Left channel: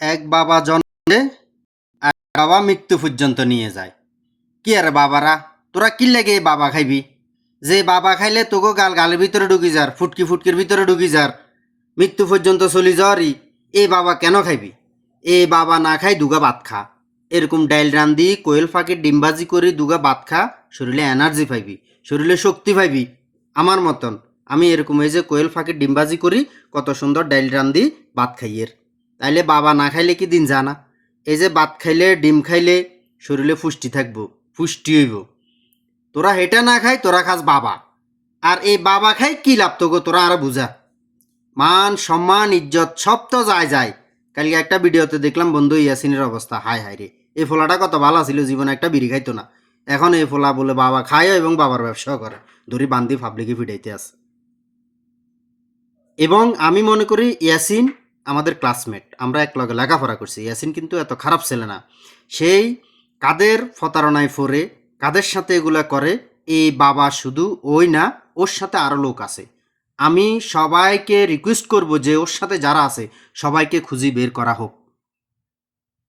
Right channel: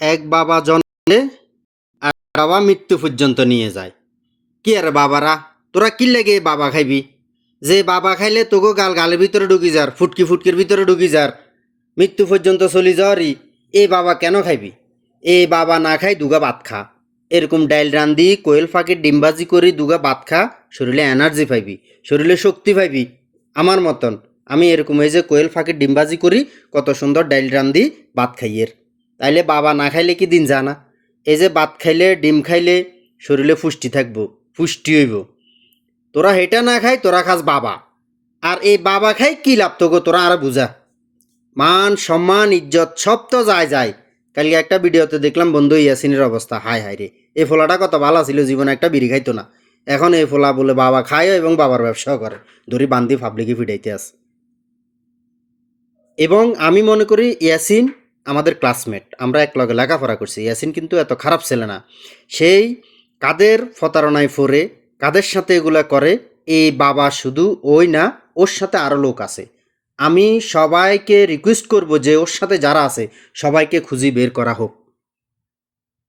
এক বাবা জন্মে আর বাবা মৃত্যু পর্যন্ত নিয়ে যায়। কি আরে বাবারা, তোরা কি লাগে বাবা খাইবি? যে বাবা খাইলে তোকে গালের ভিতরে ঢুকি যার, ফুটকি ফুটকির ভিতরে ঢুকি যার, মৃত্যু পর্যন্ত চলি যাওয়ারই এ বাবা কেন খাইবি? এ বাবা না খাই দুগা ভাত খা। এরকম ডাইল রান্ধি কোয়েল ফাঁকির ডিমবাজি করি দুগা ভাত খা, শরীরে এনার্জি পাইবি, শরীরে শক্তি পাইবি। আমার মতন আমি এরকম এই যে কোয়েল ফাঁকির ডিমবাজি করি, কত সুন্দর ডাইল রান্ধি ভাত খাইয়ের। তাইলে বাবা না খাইলে কি দিন জানা? এই যে ভাত খাইলে ডিম খাইলে শরীরে পুষ্টি থাকবো, পুষ্টি হইব। তোরা হেটা না খাই, তোরা খাস বাবা। আর এই বাবা খাই কি লাভ তোকে, তোরা আরো বুঝা। মান সম্মান ইজ্জত সব তো যায় যায়। কালকে একটা ভিডিওতে দেখলাম বন্ধু ইয়াসিনের অবস্থা, হায় হায় রে। এই ফোলাটা কত ভালো ছিল, জীবনে একটা বিড়ি খাইতো না। এখন এই ফোলা বলে বাবা খায় এবং বাবার ব্যবসাও করে, ধরি বান্দি পাবলিকে ফিটাইতে আছে। এবং আমি মনে করি ইয়াসিন আমাদের ক্লাসমেট, আমরা এক লগে লেখাপড়া করছি। ইয়াসিন কিন্তু এত খারাপ ছেলে না। সেই কাদের প্রতারণায় পড়ে, কাদের সাথে এগুলা করে, এই বাবা শুধু ওই না, ওর সাথে আরও লোক আছে। আমি সবাইকে রিকোয়েস্ট করব যে ওর সাথে যারা আছে সবাইকে খুঁজি বের করা হোক।